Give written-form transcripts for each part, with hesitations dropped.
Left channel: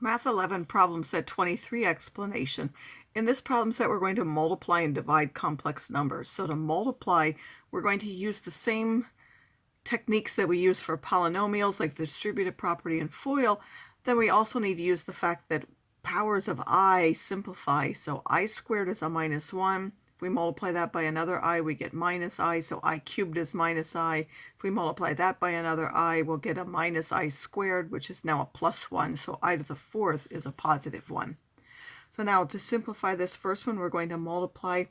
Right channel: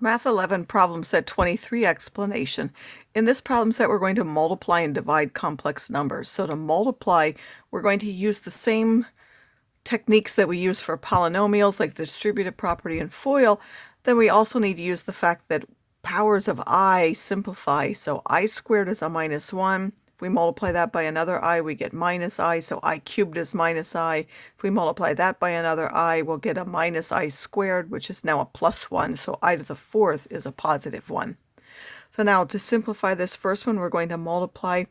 Math 11 problem set 23 explanation. In this problem set, we're going to multiply and divide complex numbers. So to multiply, we're going to use the same techniques that we use for polynomials, like the distributive property and FOIL. Then we also need to use the fact that powers of I simplify. So I squared is a minus 1. If we multiply that by another I, we get minus I, so I cubed is minus I. If we multiply that by another I, we'll get a minus I squared, which is now a plus 1, so I to the fourth is a positive 1. So now to simplify this first one, we're going to multiply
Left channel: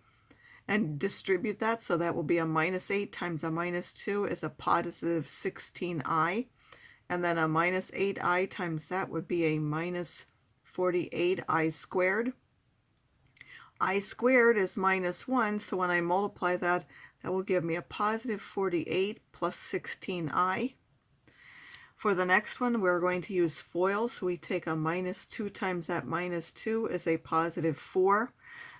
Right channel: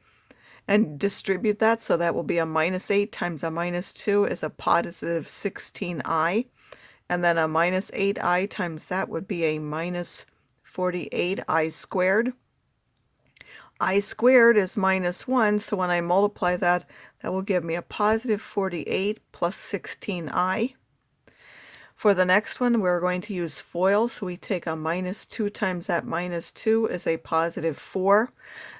and distribute that, so that will be a minus 8 times a minus 2 is a positive 16i, and then a minus 8i times that would be a minus 48i squared. I squared is minus 1, so when I multiply that, that will give me a positive 48 plus 16i. For the next one, we're going to use FOIL, so we take a minus 2 times that minus 2 is a positive 4.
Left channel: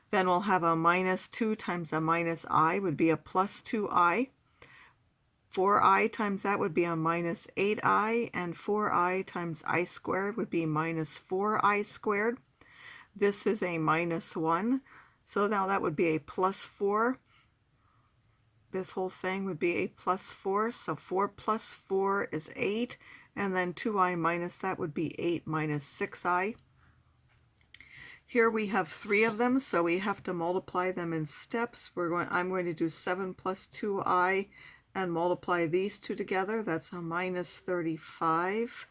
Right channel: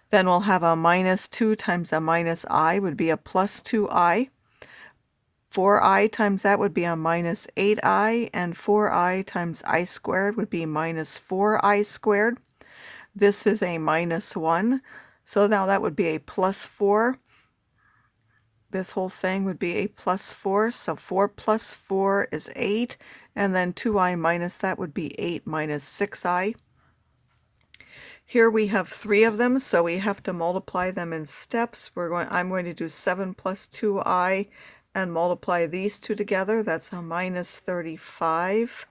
Then we'll have a minus 2 times a minus I would be a plus 2i. 4i times that would be a minus 8i, and 4i times I squared would be minus 4i squared. This is a minus 1, so now that would be a plus 4. This whole thing would be a plus 4, so 4 plus 4 is 8, and then 2i minus that would be 8 minus 6i. Here we have 3 of them, so we have to multiply them in steps. I'm going to do 7 plus 2i and multiply these two together. That's a minus 35.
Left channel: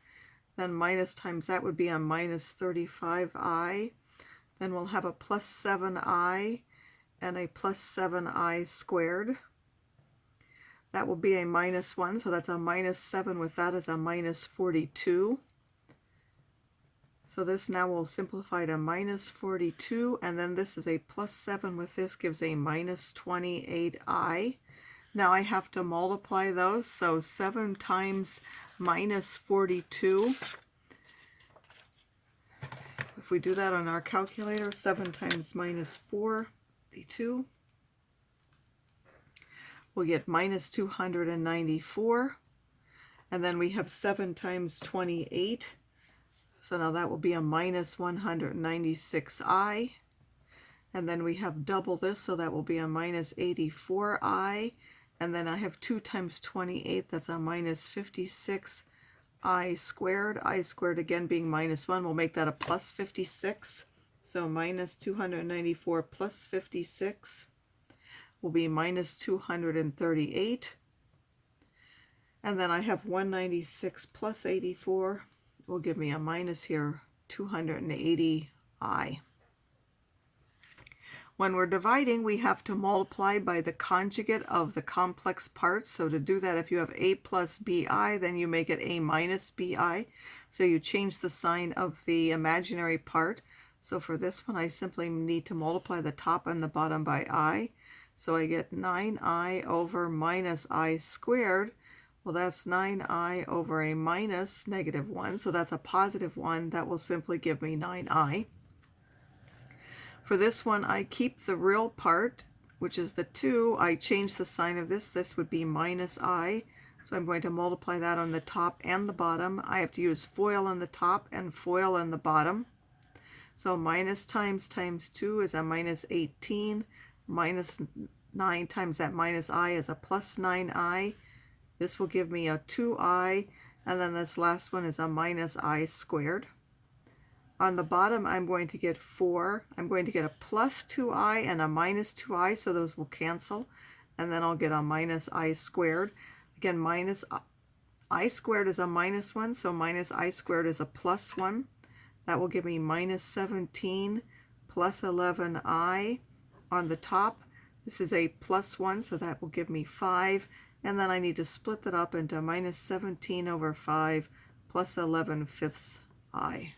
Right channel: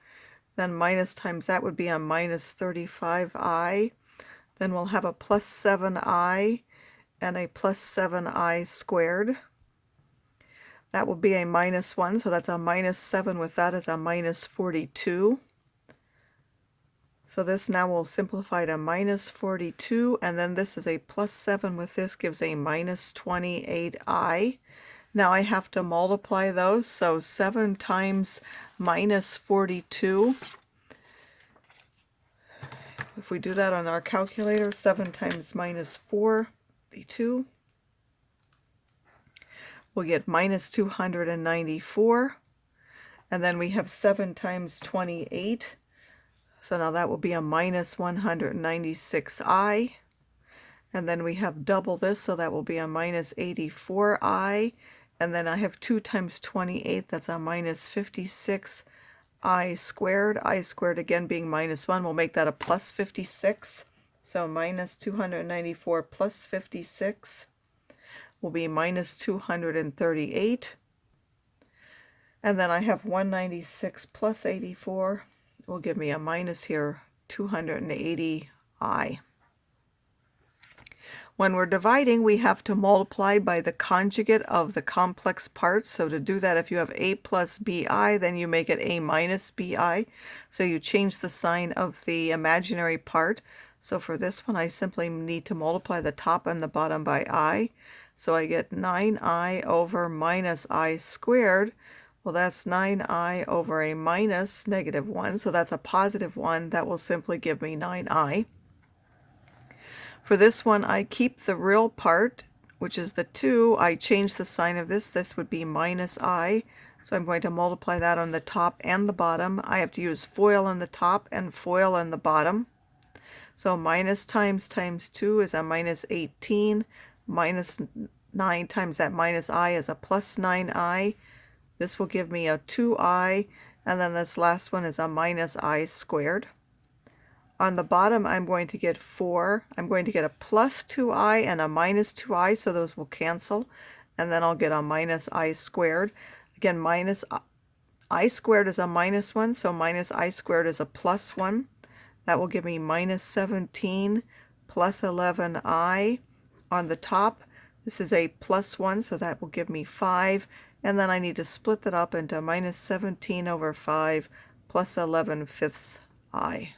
Then minus times that would be a minus 35i. Then we'll have a plus 7i and a plus 7i squared. That will be a minus 1, so that's a minus 7 with that is a minus 42. So this now will simplify to minus 42, and then this is a plus 7 with this gives a minus 28i. Now I have to multiply those, so 7 times minus 42. If we do that on our calculator, 7 times minus 42, we'll get minus 294. And then we have 7 times 28. So now that will be a minus 196i. And then we have double this, so that will be a minus 84i. And then I have 2 times 28, that's a minus 56 I squared. I squared again being minus 1 will make that a plus 56. So minus 294 plus 56 will be minus 238. And then I have 196 plus 84 will give me a minus here, 280i. When we're dividing, we have to multiply by the conjugate of the complex parts. So to do that, if you have a plus bi, then you make it a minus bi. So you change the sign of the imaginary part. So for this one, I simply need to multiply the top and the bottom by I. So I get 9i over minus I squared. Well, that's 9i over a minus negative 1. So that's a positive 1. That will simply give me 9i. For this one, I keep the real part, which is the 2. I change the sign of this. This would be minus I. So I'm going to multiply that on the top and the bottom. I have to use FOIL on the top and FOIL on the bottom. So minus times 2 is a minus 18. Minus 9 times that minus I is a plus 9i. This will give me a 2i. And then this last one is a minus I squared. On the bottom, I'm going to get 4. I'm going to get a plus 2i and a minus 2i, so those will cancel. And then I'll get a minus I squared. Again, minus I squared is a minus 1, so minus I squared is a plus 1. That will give me minus 17 plus 11i. On the top, this is a plus 1, so that will give me 5. And then I need to split that up into minus 17 over 5 plus 11 fifths I.